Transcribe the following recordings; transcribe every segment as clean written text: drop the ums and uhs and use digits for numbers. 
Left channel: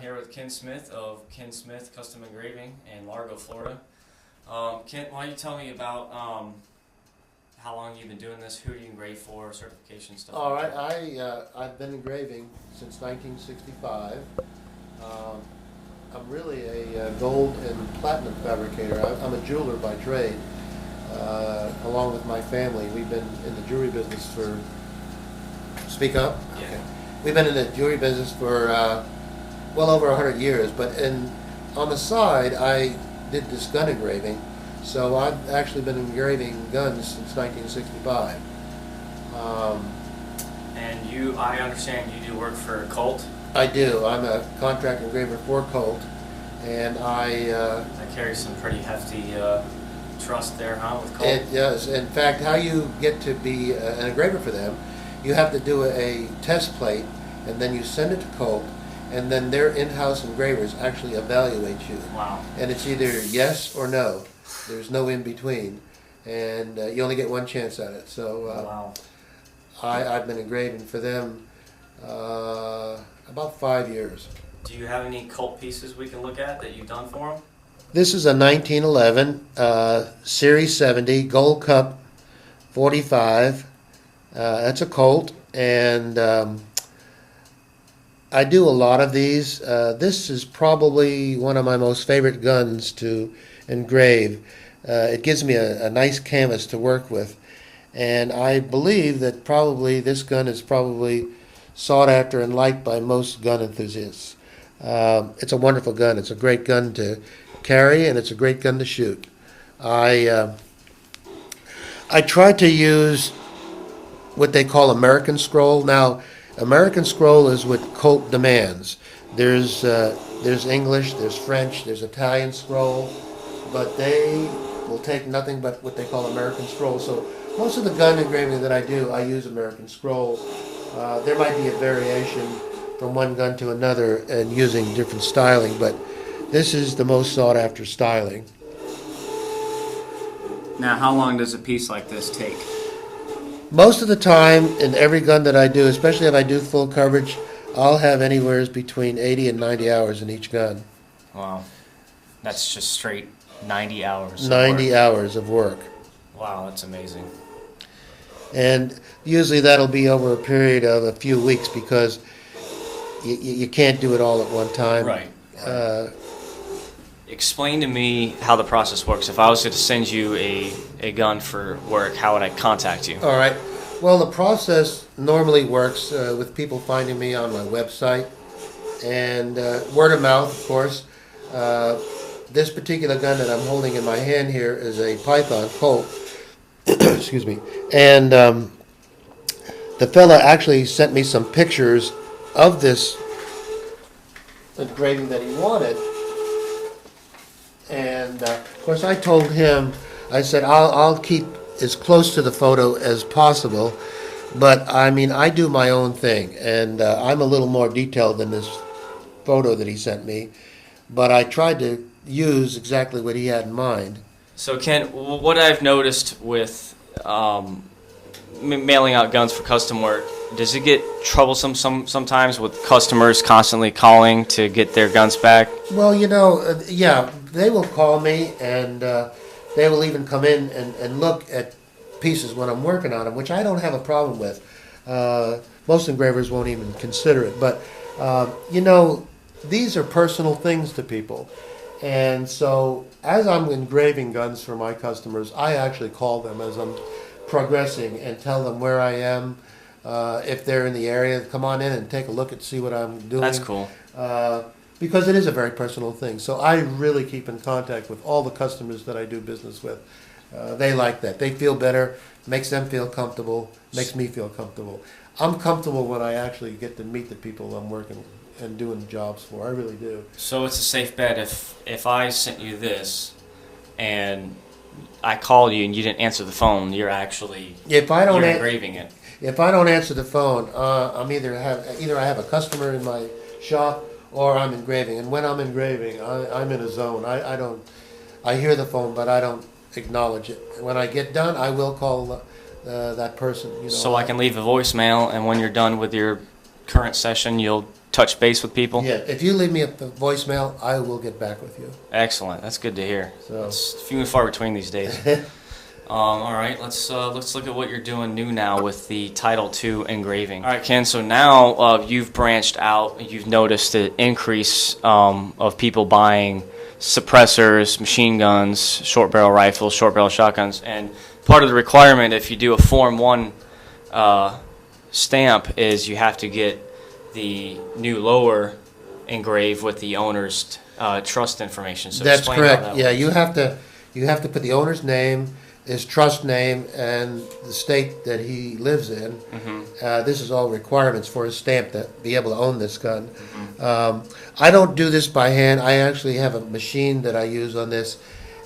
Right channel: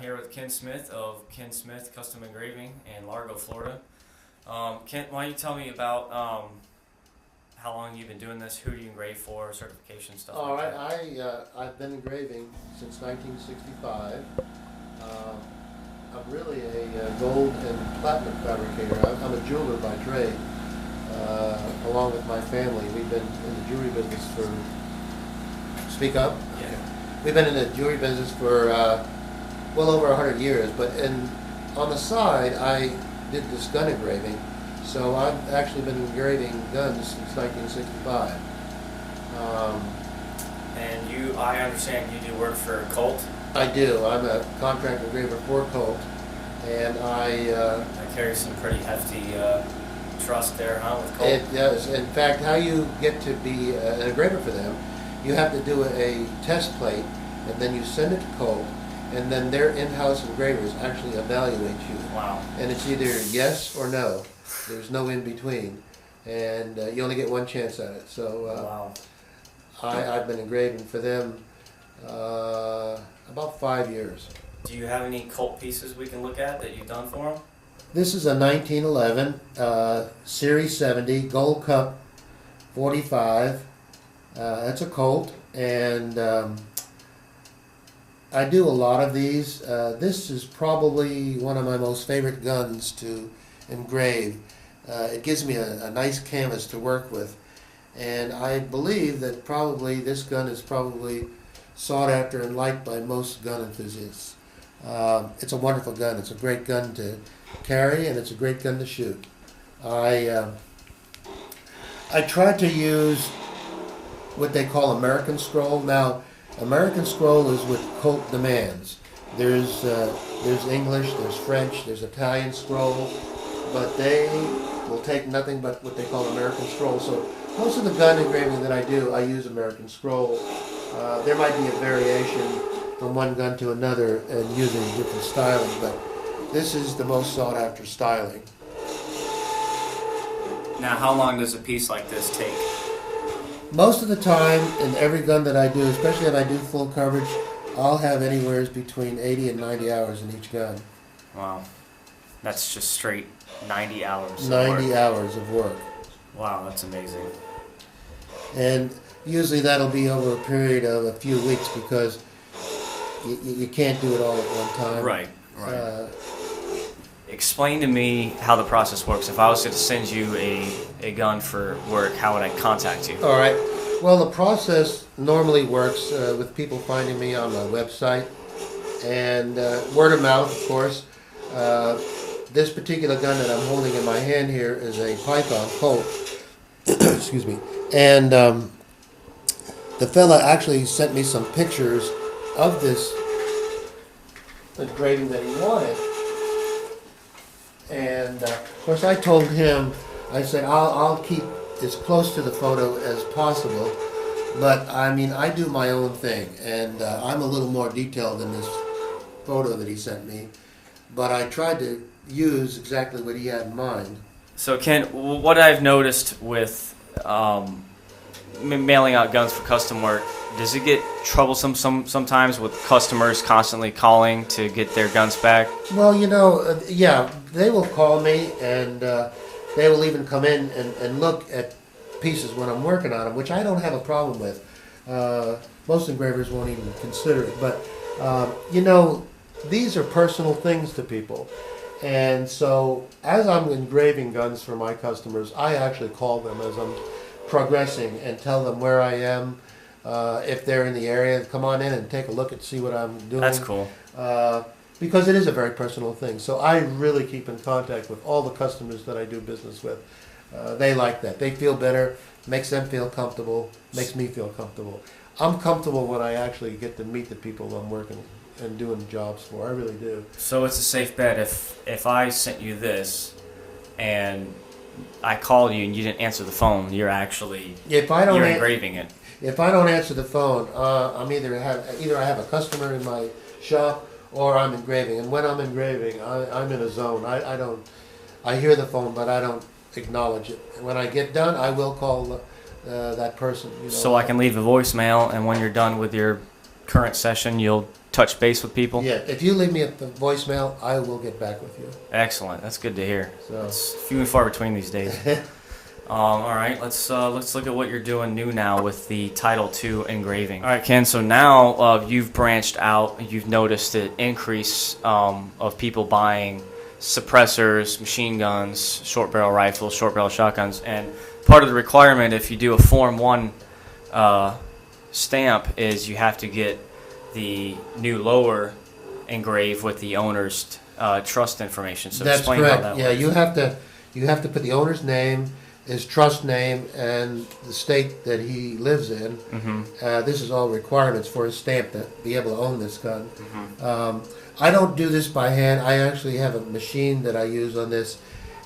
I'm here with Ken Smith of Ken Smith Custom Engraving in Largo, Florida. Ken, why don't you tell me about how long you've been doing this, who you engrave for, certification stuff? All right, I've been engraving since 1965. I'm really a gold and platinum fabricator. I'm a jeweler by trade. Along with my family, we've been in the jewelry business for. Speak up. Yeah. Okay. We've been in the jewelry business for well over 100 years. But on the side, I did this gun engraving. So I've actually been engraving guns since 1965. And I understand you do work for Colt. I do. I'm a contract engraver for Colt, and I carry some pretty hefty trust there, huh, with Colt? It does. In fact, how you get to be an engraver for them, you have to do a test plate, and then you send it to Colt, and then their in-house engravers actually evaluate you. Wow. And it's either yes or no. There's no in between, and you only get one chance at it. So wow. I've been engraving for them about 5 years. Do you have any Colt pieces we can look at that you've done for them? This is a 1911 Series 70 Gold Cup 45. That's a Colt, and I do a lot of these. This is probably one of my most favorite guns to engrave. It gives me a nice canvas to work with, and I believe that probably this gun is probably sought after and liked by most gun enthusiasts. It's a wonderful gun. It's a great gun to carry, and it's a great gun to shoot. I try to use what they call American scroll. Now, American scroll is what Colt demands. There's English, there's French, there's Italian scroll, but they will take nothing but what they call American scroll. So most of the gun engraving that I do, I use American scroll. There might be a variation from one gun to another and using different styling, but this is the most sought after styling. Now, how long does a piece like this take? Most of the time, in every gun that I do, especially if I do full coverage, I'll have anywhere between 80 and 90 hours in each gun. Wow. That's just straight 90 hours. 90 hours of work. Wow, that's amazing. And usually that'll be over a period of a few weeks because you can't do it all at one time. Right. Explain to me how the process works. If I was to send you a gun for work, how would I contact you? All right. Well, the process normally works with people finding me on my website and word of mouth, of course. This particular gun that I'm holding in my hand here is a Python Colt. Excuse me. And the fella actually sent me some pictures of this engraving that he wanted. And of course, I told him, I said, I'll keep as close to the photo as possible, but I mean, I do my own thing, and I'm a little more detailed than this photo that he sent me, but I tried to use exactly what he had in mind. So Ken, what I've noticed with mailing out guns for custom work, does it get troublesome sometimes with customers constantly calling to get their guns back? Well, yeah, they will call me, and they will even come in and look at pieces when I'm working on them, which I don't have a problem with. Most engravers won't even consider it, but these are personal things to people. And so as I'm engraving guns for my customers, I actually call them as I'm progressing and tell them where I am. If they're in the area, come on in and take a look and see what I'm doing. That's cool. Because it is a very personal thing. So I really keep in contact with all the customers that I do business with. They like that. They feel better, makes them feel comfortable, makes me feel comfortable. I'm comfortable when I actually get to meet the people I'm working and doing jobs for. I really do. So it's a safe bet if I sent you this and I called you and you didn't answer the phone, you're actually engraving it. If I don't answer the phone, I'm either I have a customer in my shop or I'm engraving. And when I'm engraving, I'm in a zone. I hear the phone, but I don't acknowledge it. And when I get done, I will call that person. So I can leave a voicemail, and when you're done with your current session, you'll touch base with people? Yeah, if you leave me a voicemail, I will get back with you. Excellent. That's good to hear. So. It's few and far between these days. All right, let's look at what you're doing new now with the Title II engraving. All right, Ken. So now you've branched out. You've noticed an increase of people buying suppressors, machine guns, short barrel rifles, short barrel shotguns, and part of the requirement if you do a Form 1 stamp is you have to get the new lower engraved with the owner's trust information. So That's correct. that Yeah, works. you have to put the owner's name, his trust name, and the state that he lives in. Mm-hmm. This is all requirements for his stamp to be able to own this gun. Mm-hmm. I don't do this by hand. I actually have a machine that I use on this,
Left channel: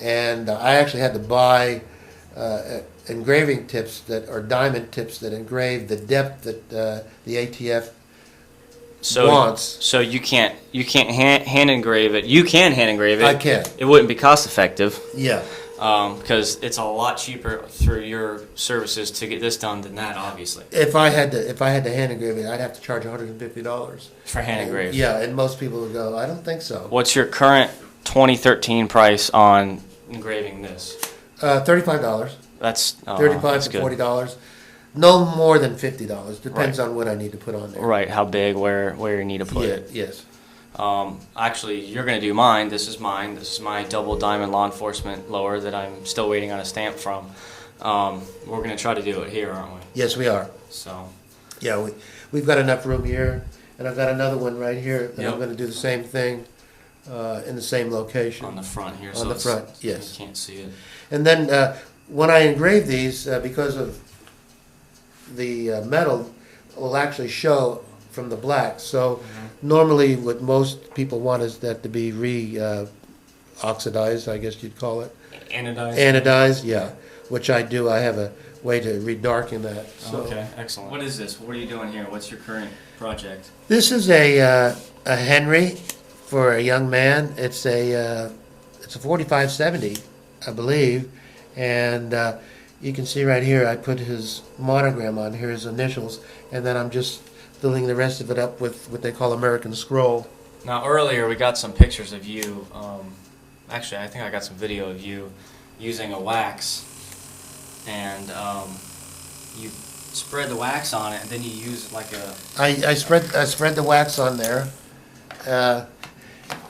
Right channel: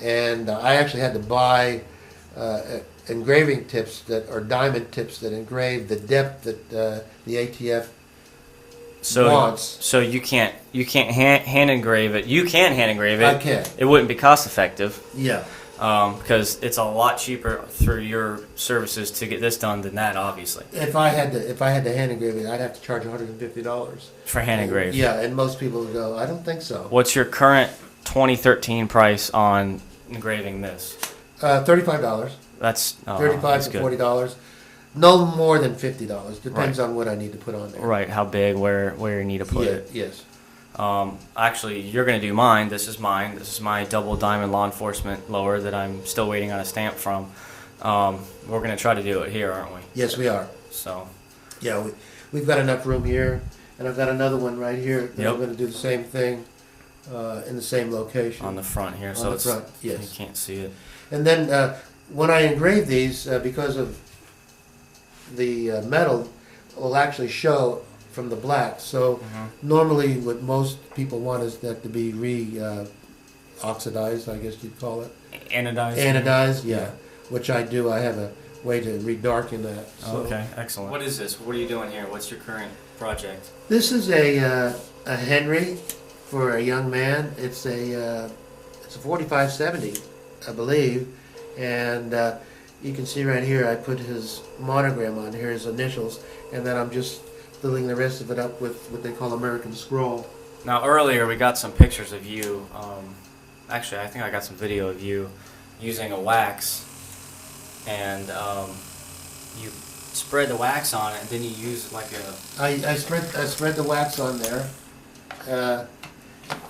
and I actually had to buy engraving tips or diamond tips that engrave the depth that the ATF wants. So you can't hand engrave it. You can hand engrave it. I can. It wouldn't be cost effective. Yeah. Because it's a lot cheaper through your services to get this done than that, obviously. If I had to hand engrave it, I'd have to charge $150 for hand engraving. Yeah, and most people would go, I don't think so. What's your current 2013 price on engraving this? $35. That's $35 to $40. No more than $50. Depends on what I need to put on there. Right, how big, where you need to put Yeah. it. Yes. Actually, you're going to do mine. This is mine. This is my double diamond law enforcement lower that I'm still waiting on a stamp from. We're going to try to do it here, aren't we? Yes, we are. So. Yeah, we've got enough room here, and I've got another one right here that Yep. I'm going to do the same thing in the same location. On the front here. On the front, yes. You can't see it. And then when I engrave these, because of the metal, will actually show from the black. So normally what most people want is that to be oxidized, I guess you'd call it. Anodized? Anodized, yeah. Which I do. I have a way to redarken that. So. Okay, excellent. What is this? What are you doing here? What's your current project? This is a Henry for a young man. It's a 4570, I believe, and you can see right here I put his monogram on here, his initials, and then I'm just filling the rest of it up with what they call American Scroll. Now earlier we got some pictures of you. Actually, I think I got some video of you using a wax, and you spread the wax on it, and then you use like a. I spread the wax on there.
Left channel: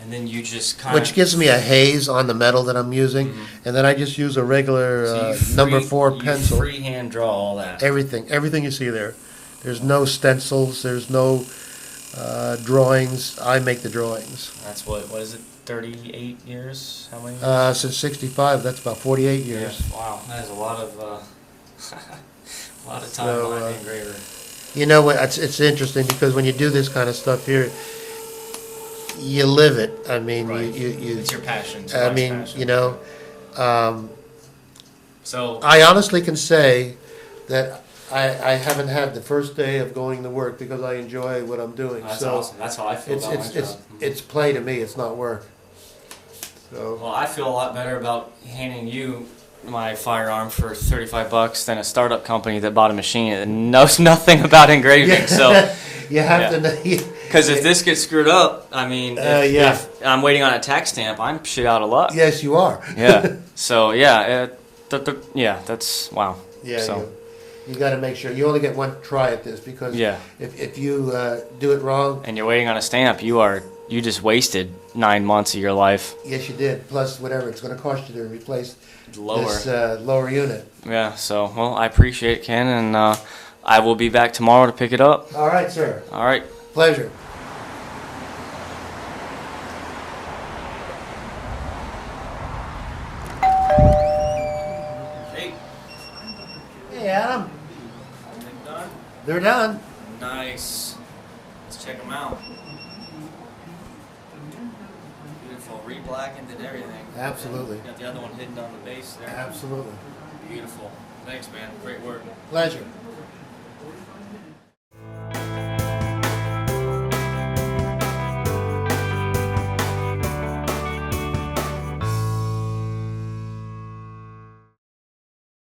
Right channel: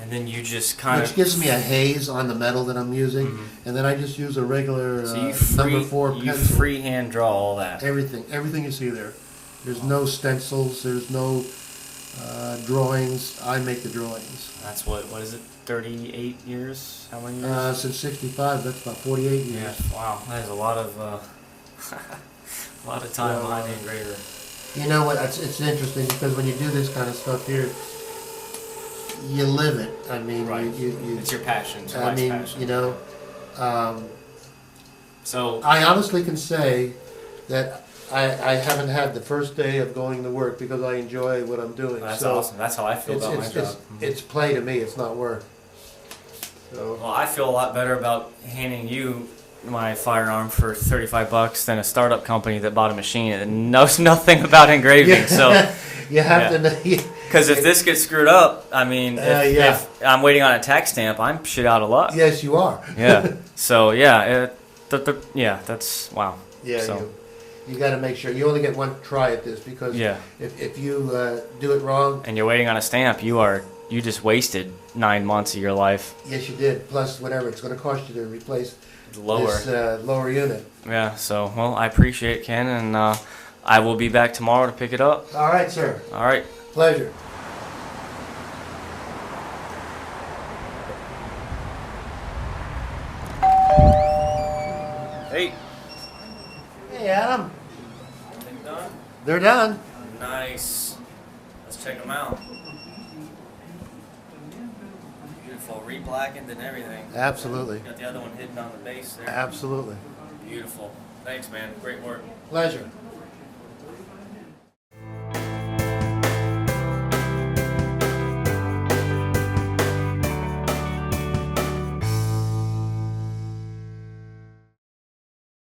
And then you just kind of. Which gives me a haze on the metal that I'm using, and then I just use a regular number 4 pencil. You freehand draw all that. Everything you see there. There's no stencils. There's no drawings. I make the drawings. That's what is it? 38 years? How many? Since '65, that's about 48 years. Yeah. Wow, that is a lot of a lot of time behind the engraver. You know what? It's interesting because when you do this kind of stuff here, you live it. I mean, right. you it's your passion. It's I mean, passion. you know. So I honestly can say that I haven't had the first day of going to work because I enjoy what I'm doing. That's so awesome. That's how I feel about my job. It's play to me. It's not work. So. Well, I feel a lot better about handing you my firearm for $35 than a startup company that bought a machine and knows nothing about engraving. Yeah. So you have to know. Because if this gets screwed up, I mean, if I'm waiting on a tax stamp, I'm shit out of luck. Yes, you are. Yeah. So yeah, that's wow. Yeah, so. you got to make sure you only get one try at this because if you do it wrong and you're waiting on a stamp, you just wasted 9 months of your life. Yes, you did. Plus whatever it's going to cost you to replace this lower unit. Yeah. So well, I appreciate it, Ken, and I will be back tomorrow to pick it up. All right, sir. All right. Pleasure. Hey. Hey, Adam. Everything done? They're done. Nice. Let's check them out. Beautiful, re-blackened and everything. Absolutely. Got the other one hidden on the base there. Absolutely. Beautiful. Thanks, man. Great work. Pleasure.